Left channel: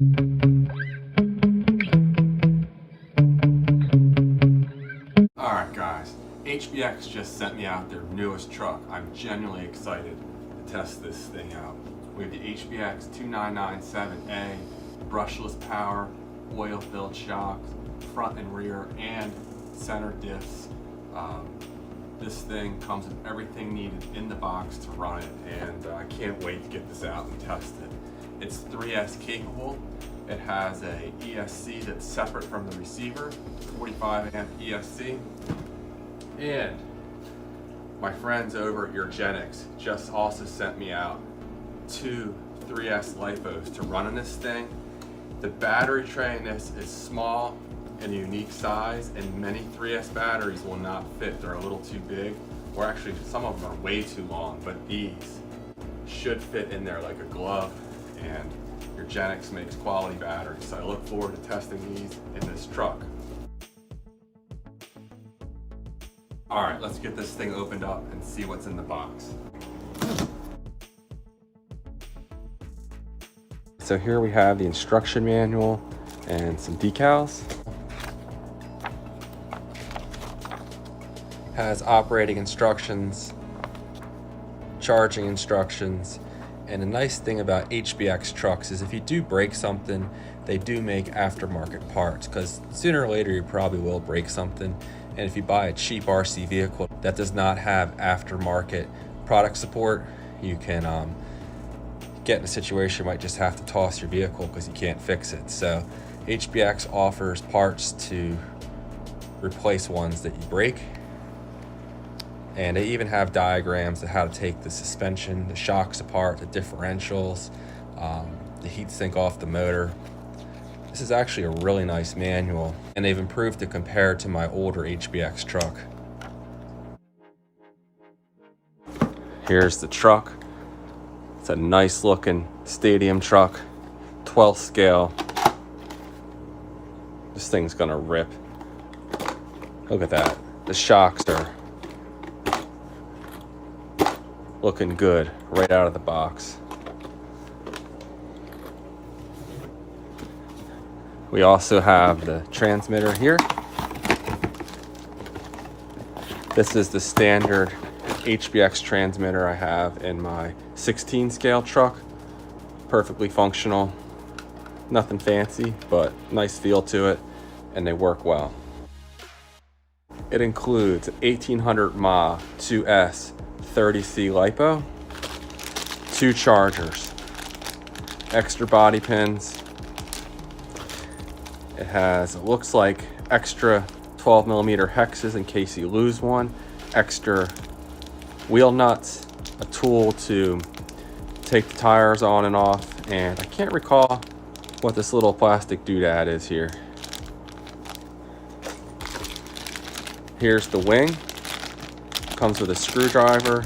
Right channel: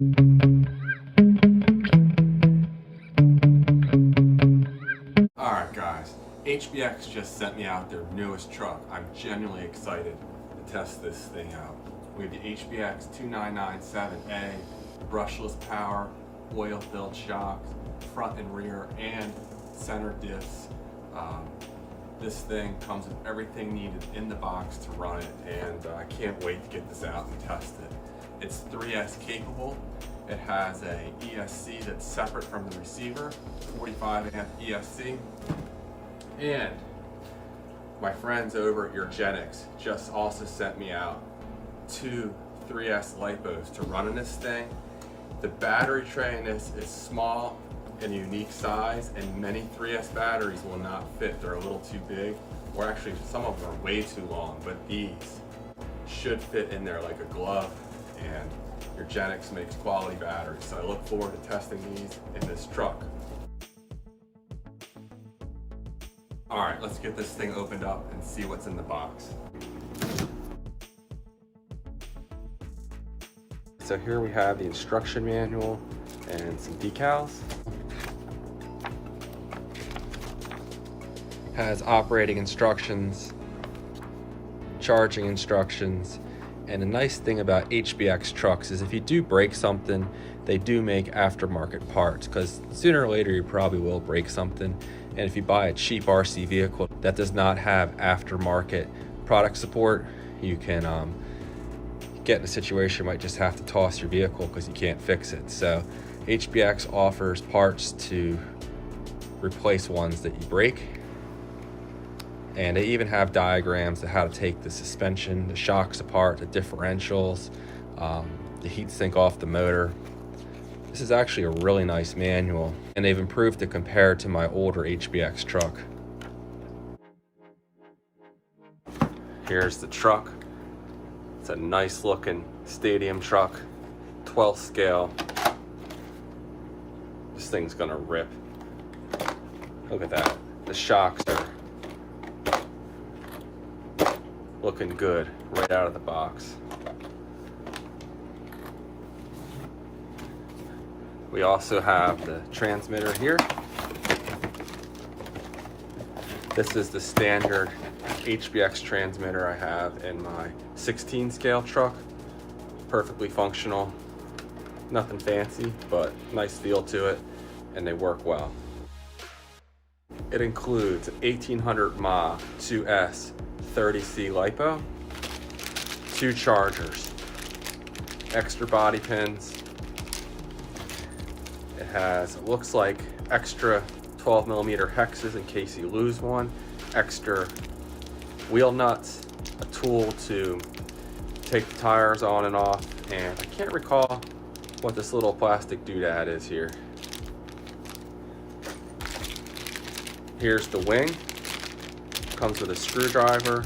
Alright guys, HBX just sent me out their newest truck. I'm genuinely excited to test this thing out. We have the HBX 2997A, brushless power, oil-filled shocks, front and rear, and center diffs. This thing comes with everything needed in the box to run it, and I can't wait to get this out and test it. It's 3S capable. It has a ESC that's separate from the receiver, 45 amp ESC. And my friends over at Urgenex just also sent me out 2 3S LIPOs to run in this thing. The battery tray in this is small and a unique size, and many 3S batteries will not fit. They're a little too big, or actually some of them are way too long, but these should fit in there like a glove, and Urgenex makes quality batteries. So I look forward to testing these in this truck. All right, let's get this thing opened up and see what's in the box. So here we have the instruction manual and some decals. Has operating instructions, charging instructions, and a nice thing about HBX trucks is if you do break something, they do make aftermarket parts, because sooner or later you probably will break something. And if you buy a cheap RC vehicle that does not have aftermarket product support, you can get in a situation you might just have to toss your vehicle because you can't fix it. So HBX offers parts to replace ones that you break. And they even have diagrams of how to take the suspension, the shocks apart, the differentials, the heat sink off the motor. This is actually a really nice manual, and they've improved it compared to my older HBX truck. Here's the truck. It's a nice looking stadium truck, 12th scale. This thing's gonna rip. Look at that. The shocks are looking good right out of the box. We also have the transmitter here. This is the standard HBX transmitter I have in my 16 scale truck. Perfectly functional, nothing fancy, but nice feel to it, and they work well. It includes 1800 mAh 2S 30C LiPo, 2 chargers, extra body pins. It has, it looks like, extra 12mm hexes in case you lose one, extra wheel nuts, a tool to take the tires on and off, and I can't recall what this little plastic doodad is here. Here's the wing. Comes with a screwdriver,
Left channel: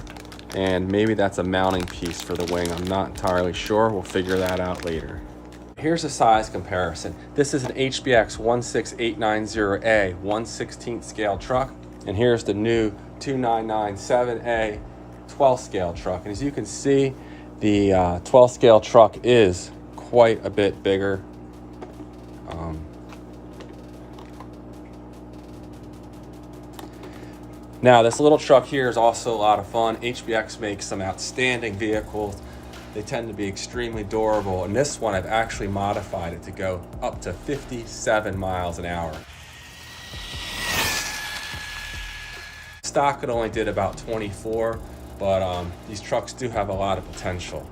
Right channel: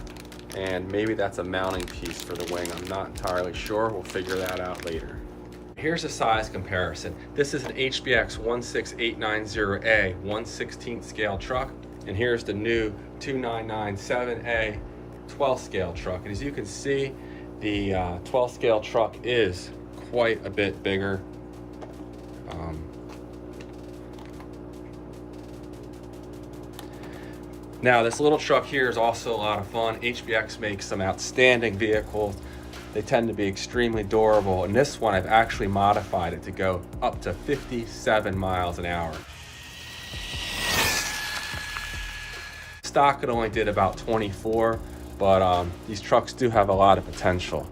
and maybe that's a mounting piece for the wing. I'm not entirely sure. We'll figure that out later. Here's a size comparison. This is an HBX 16890A 1/16 scale truck, and here's the new 2997A 12 scale truck. And as you can see, the 12 scale truck is quite a bit bigger. Now, this little truck here is also a lot of fun. HBX makes some outstanding vehicles. They tend to be extremely durable, and this one I've actually modified it to go up to 57 miles an hour. Stock it only did about 24, but these trucks do have a lot of potential.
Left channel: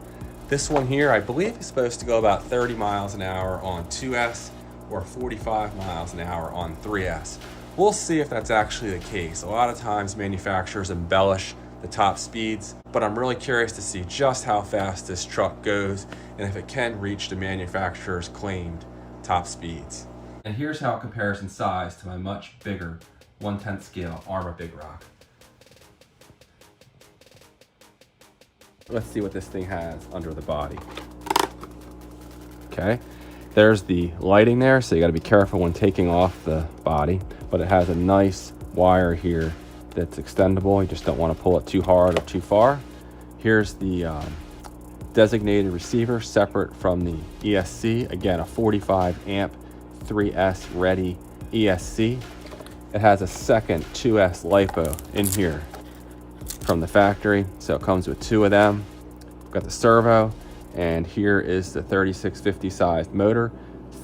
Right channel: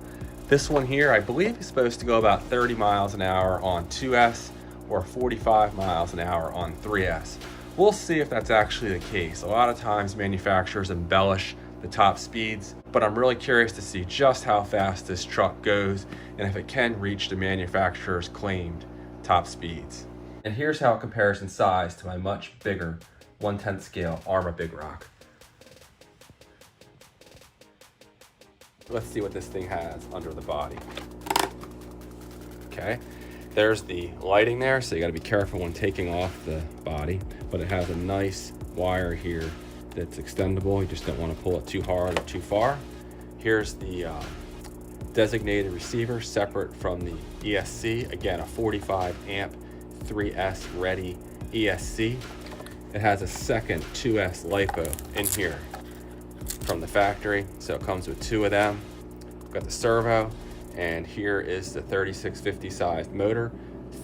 This one here, I believe, is supposed to go about 30 miles an hour on 2S or 45 miles an hour on 3S. We'll see if that's actually the case. A lot of times manufacturers embellish the top speeds, but I'm really curious to see just how fast this truck goes and if it can reach the manufacturer's claimed top speeds. And here's how it compares in size to my much bigger 1/10 scale Arrma Big Rock. Let's see what this thing has under the body. Okay. There's the lighting there, so you got to be careful when taking off the body, but it has a nice wire here that's extendable. You just don't want to pull it too hard or too far. Here's the designated receiver separate from the ESC. Again, a 45 amp 3S ready ESC. It has a second 2S LiPo in here from the factory, so it comes with two of them. Got the servo, and here is the 3650 sized motor,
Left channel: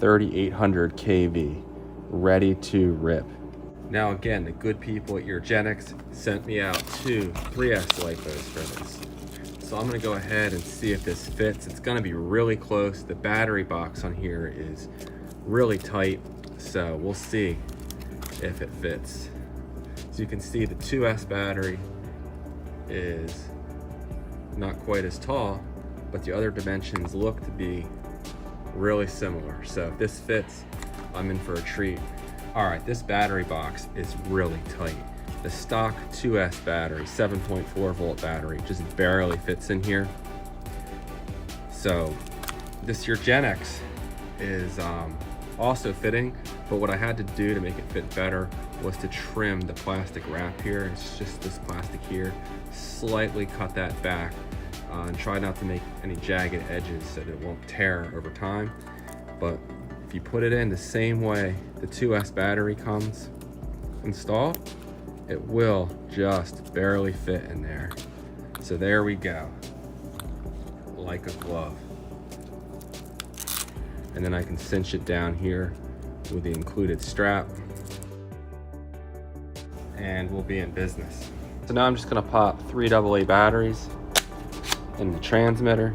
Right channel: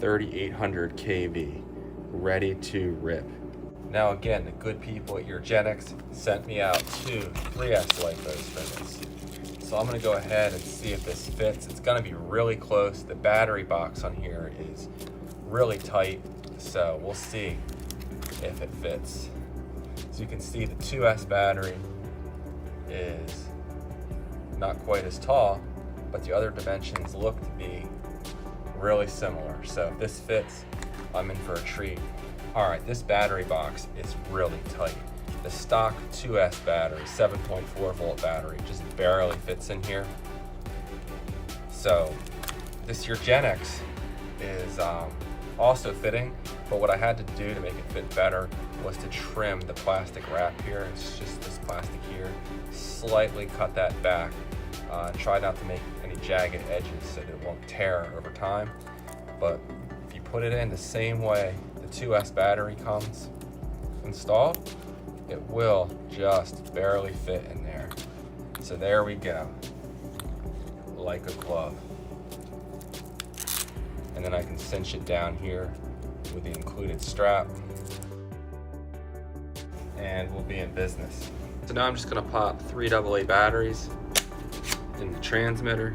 3800 kV, ready to rip. Now again, the good people at Urgenex sent me out two 3S LiPos for this. So I'm gonna go ahead and see if this fits. It's gonna be really close. The battery box on here is really tight, so we'll see if it fits. So you can see the 2S battery is not quite as tall, but the other dimensions look to be really similar. So if this fits, I'm in for a treat. All right, this battery box is really tight. The stock 2S battery, 7.4 volt battery, just barely fits in here. So this Urgenex is also fitting, but what I had to do to make it fit better was to trim the plastic wrap here. It's just this plastic here. Slightly cut that back and try not to make any jagged edges so that it won't tear over time. But if you put it in the same way the 2S battery comes installed, it will just barely fit in there. So there we go, like a glove. And then I can cinch it down here with the included strap, and we'll be in business. So now I'm just gonna pop 3 AA batteries in the transmitter.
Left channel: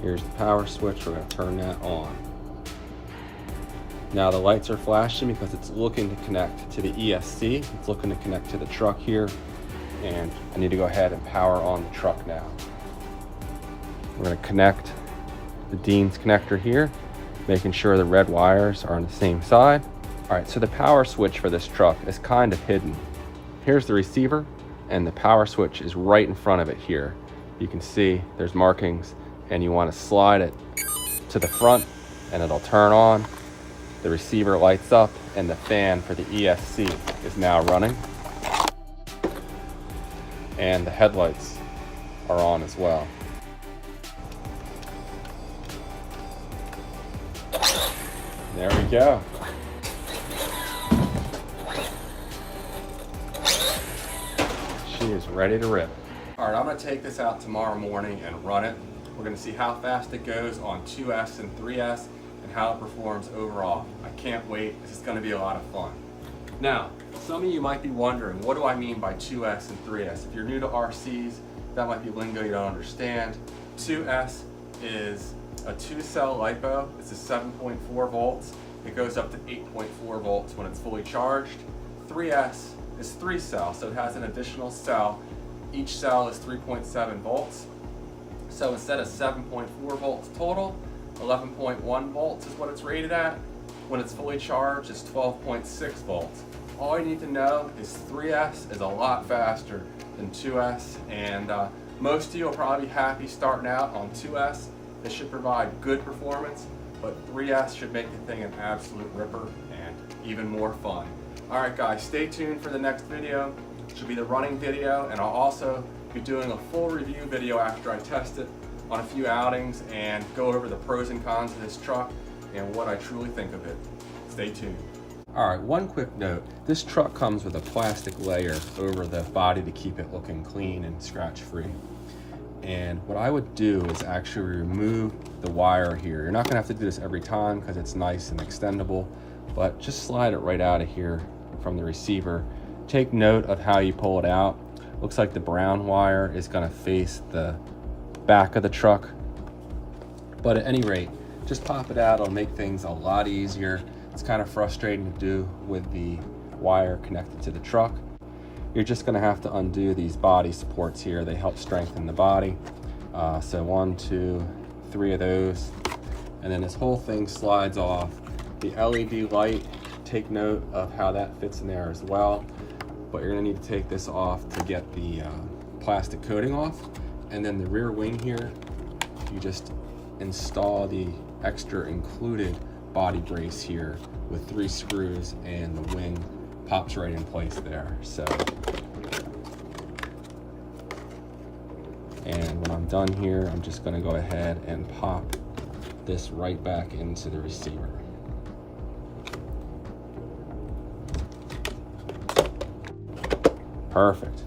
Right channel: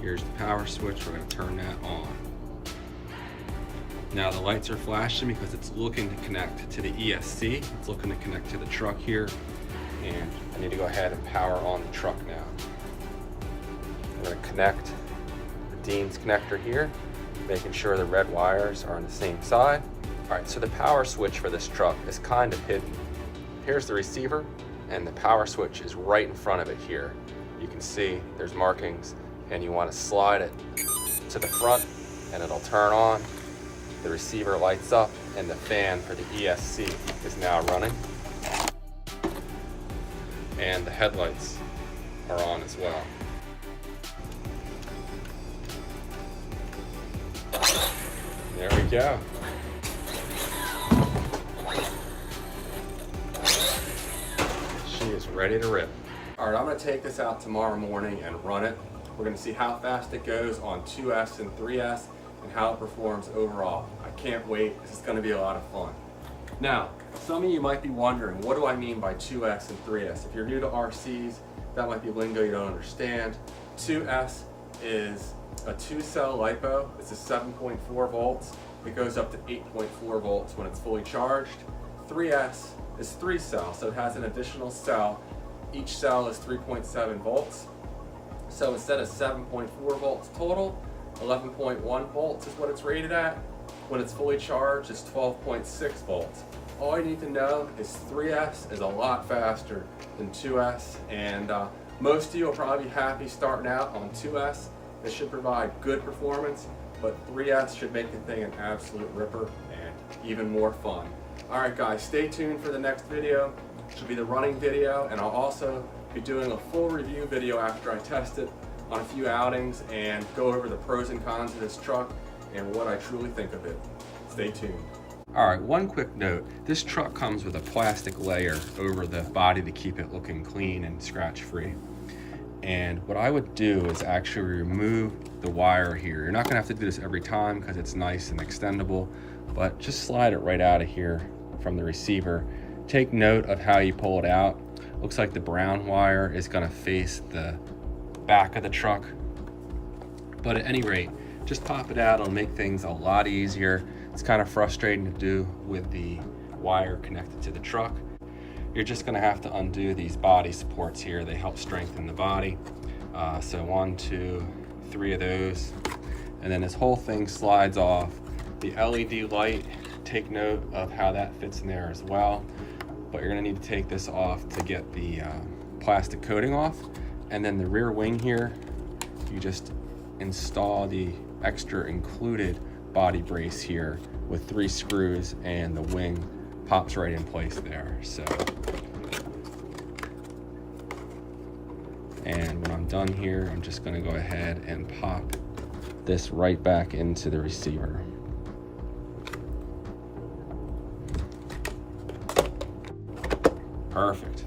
Here's the power switch, we're gonna turn that on. Now the lights are flashing because it's looking to connect to the ESC. It's looking to connect to the truck here, and I need to go ahead and power on the truck now. I'm gonna connect the Dean's connector here, making sure the red wires are on the same side. All right, so the power switch for this truck is kind of hidden. Here's the receiver, and the power switch is right in front of it here. You can see there's markings, and you want to slide it to the front, and it'll turn on. The receiver lights up, and the fan for the ESC is now running. And the headlights are on as well. There we go. She is ready to rip. All right, I'm gonna take this out tomorrow morning and run it. We're gonna see how fast it goes on 2S and 3S and how it performs overall. I can't wait, this is gonna be a lot of fun. Now, some of you might be wondering, what do I mean by 2S and 3S? If you're new to RCs, that might be lingo you don't understand. 2S is a 2-cell LiPo. It's a 7.4 volts. It goes up to 8.4 volts when it's fully charged. 3S is 3-cell, so it has an additional cell. Each cell is 3.7 volts. So instead of 7.4 volts total, 11.1 volts is what it's rated at. When it's fully charged, it's 12.6 volts. All you need to know is 3S is a lot faster than 2S, and most of you will probably be happy starting out on 2S. They should provide good performance, but 3S should make the thing an absolute ripper and even more fun. All right, guys, stay tuned for the next video. It should be the running video, and I'll also be doing a full review video after I test it on a few outings and go over the pros and cons of this truck and what I truly think of it. Stay tuned. All right, one quick note. This truck comes with a plastic layer over the body to keep it looking clean and scratch-free. And what I would do is actually remove the wire here. You're not gonna have to do this every time because it's nice and extendable, but just slide it right out of here from the receiver. Take note of how you pull it out. Looks like the brown wire is gonna face the back of the truck. But at any rate, just pop it out, it'll make things a lot easier. It's kind of frustrating to do with the wire connected to the truck. You're just gonna have to undo these body supports here. They help strengthen the body. So 1, 2, 3 of those. And then this whole thing slides off. The LED light, take note of how that fits in there as well. But you're gonna need to take this off to get the plastic coating off. And then the rear wing here, you just install the extra included body brace here with 3 screws, and the wing pops right in place there. So And when I'm done here, I'm just gonna go ahead and pop this right back into the receiver. Perfect.